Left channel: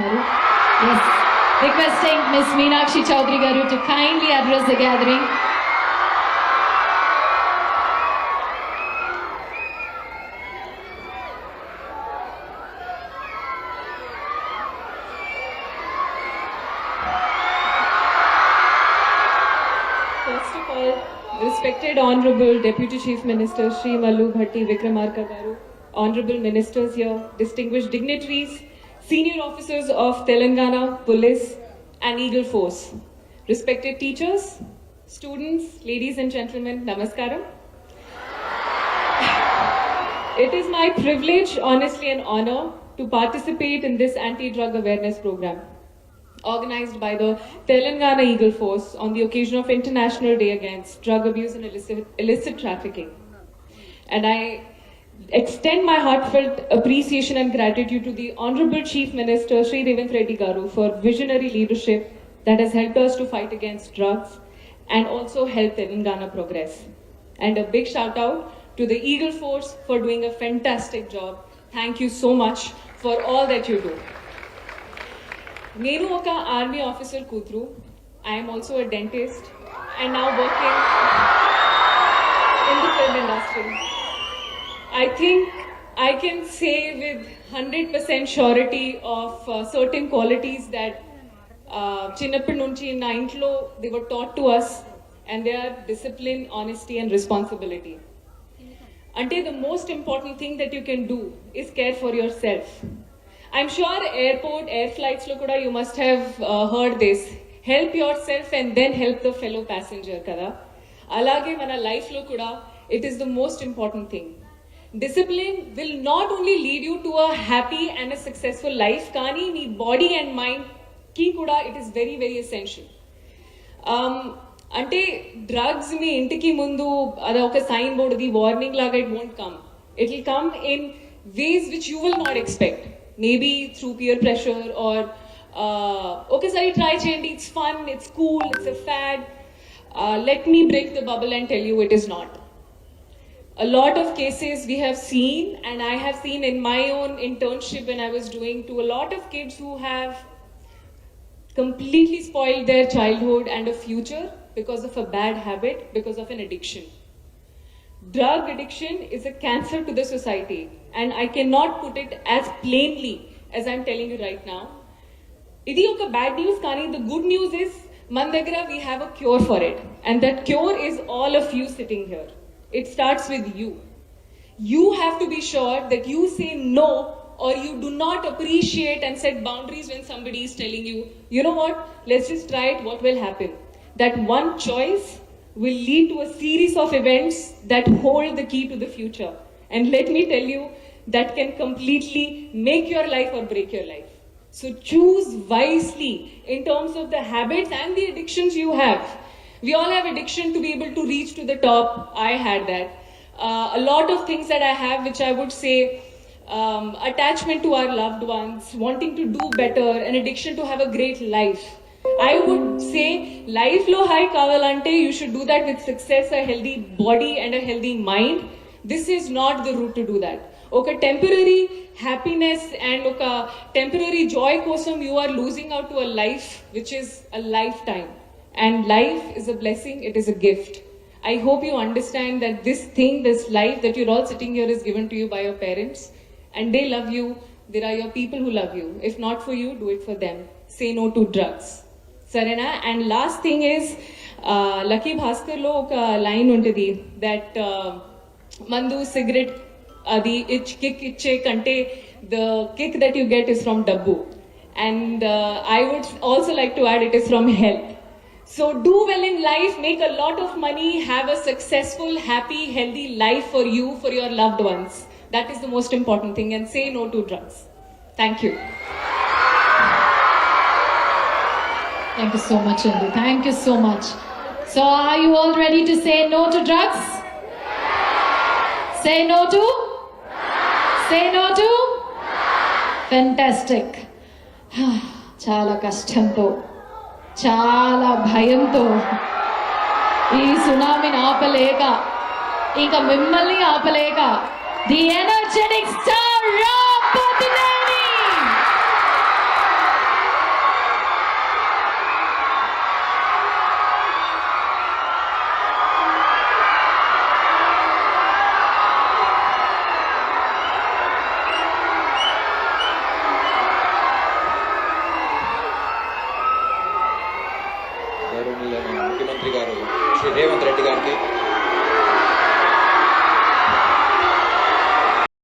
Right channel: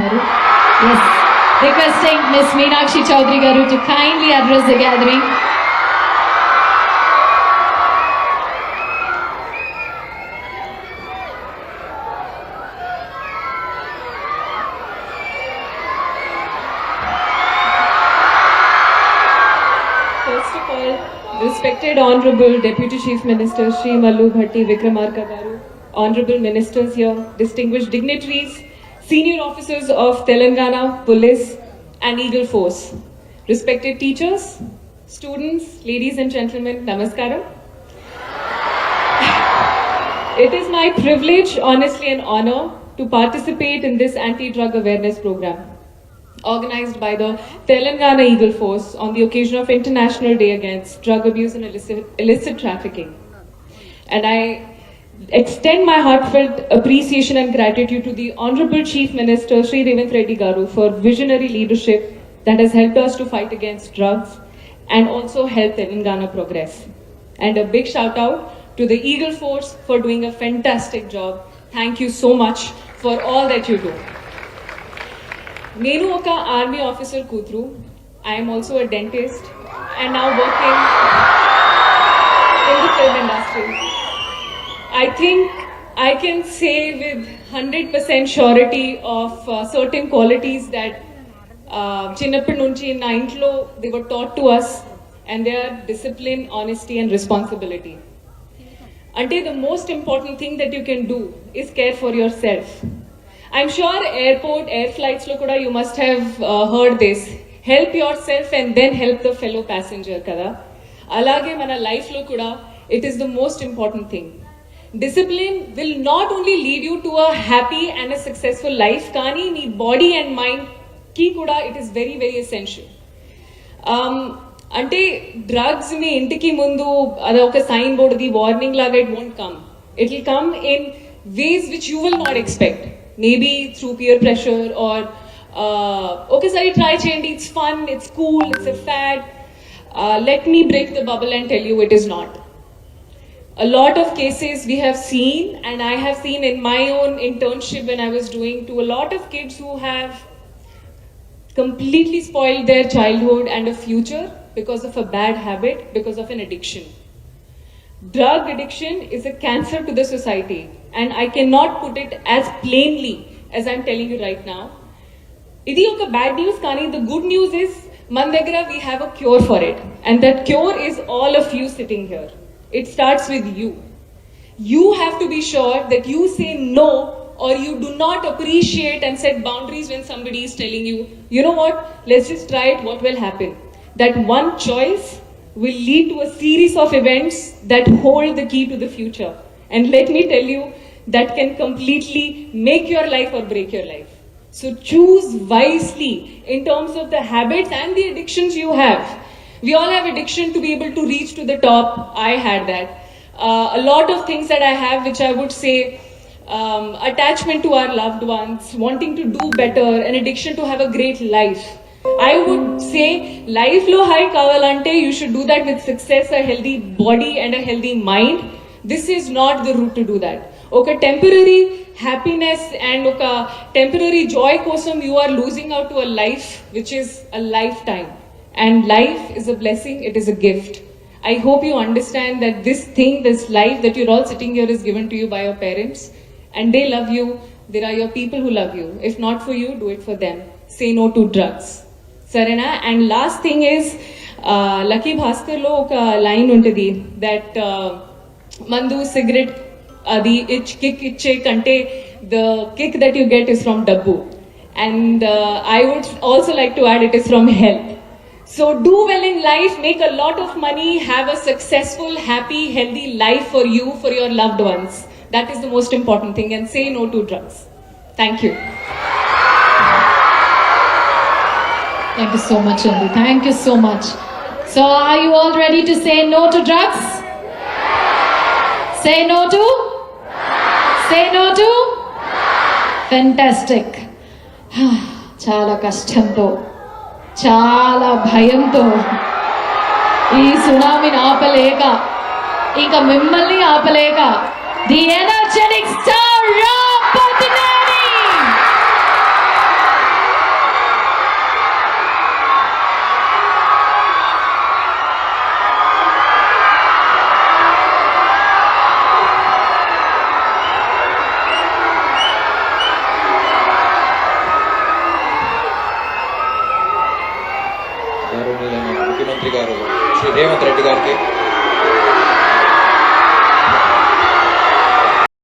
Yes, requesting Miss Meenakshi Chaudhary Garu to kindly address the gathering. First of all, respected Honorable Deputy Chief Minister Shri Mallu Bhatti Vikramarka Garu, Honorable Ministers here, distinguished dignitaries, senior officers of Telangana Police and Eagle Force, respected teachers, students, ladies and gentlemen, Namaskaram. It is my privilege, honestly, and honor to participate in this anti-drug awareness program organized by the Telangana Eagle Force on the occasion of International Day Against Drug Abuse and Illicit Trafficking. And I extend my heartfelt appreciation and gratitude to the Honorable Chief Minister Shri Revanth Reddy Garu for visionary leadership that has helped us to fight against drugs and also help Telangana progress. And a big shout out to the Eagle Force for doing a fantastic job. Thank you so much for all that you do. నేను ఒక army officer కూతురు. I'm also a dentist and now working in the film industry. I think I can say with 100% surety of certain qualities that చిన్నప్పటి నుంచి నా ఇంట్లో they were taught to us, and they are discipline, honesty and responsibility. అంటే the most important thing that you can do is care for yourself. I'm sure airport, air flights lo kuda you must have heard this. Help yourself and then help the fellow passenger kada. Alage mana life lo kuda it is the most important thing. Discipline will not only lead you to a happy and a successful life, kani nee body and mind ki kuda it is very very essential. అంటే drugs మీ ఇంటికి ముందు అది ఒక sign board the warning లాగా it won't come. It will come in ways which you will not expect. Maybe through peer pressure or ఒకసారి try చేయండి, it's fun, it's cool, it's a fad. Let me break the bubble and tell you it is not. A lot of cases we have seen, and I have seen in my own internship when I was doing, to a lot of kids who have completely spoiled their childhood and a future because of a bad habit, because of an addiction. Drug addiction is a cancer to the society, and I cannot put it as plainly as I'm telling you right now. Idi oka bad news, kani the good news is man daggara we have a cure for it, and that cure is all of you sitting here. It starts with you. You have to be sure that you say no, or you do not appreciate and set boundaries when somebody is telling you, you know what, let's just try it, what will happen? That one choice will lead to a series of events that hold the key to the future. And let me tell you, that can completely make your life or break your life. So choose wisely in terms of the habits and the addictions you have. We all have addiction to be able to reach to the top. I had that. A lot of things that I have, which I would say, attachment to our loved ones, wanting to do better, an addiction to have a great life. I would say life lo high kavalante you should do that with success, a healthy body and a healthy mind. This is not the route to do that. Okay, temporary happiness and okay, temporary joy kosam you are losing out to a life which is a lifetime. And life is a blessing, it is a gift. I hope you understand that this thing, this life that you're all sitting here is given to you by your parents, and they love you. There are your people who love you. If not for you, do it for them. Say no to drugs. Sarena. And last thing is, Lucky Bhaskar lo oka line untadi that mandu cigarette adi itch kick iche kante the kick that you get is from dabbu, and I would also like to add it is from hell. So do well in life, make a lot of money, have a successful, happy, healthy life for you, for your loved ones. That is the most important thing, and say no to drugs. Thank you. Thank you so much, Andu. Thank you so much. So are you all ready to say no to drugs? Say no to? Say no to? Fantastic. చాలా కష్టంతో, చాలా భయంతో ఈ సునామీని ఆపలేక, ఇంకా మిమ్మల్ని ఆపలేక, the energetic star Ram Pothineni ముఖ్యమంత్రి గారు శ్రీ రేవంత్ రెడ్డి గారికి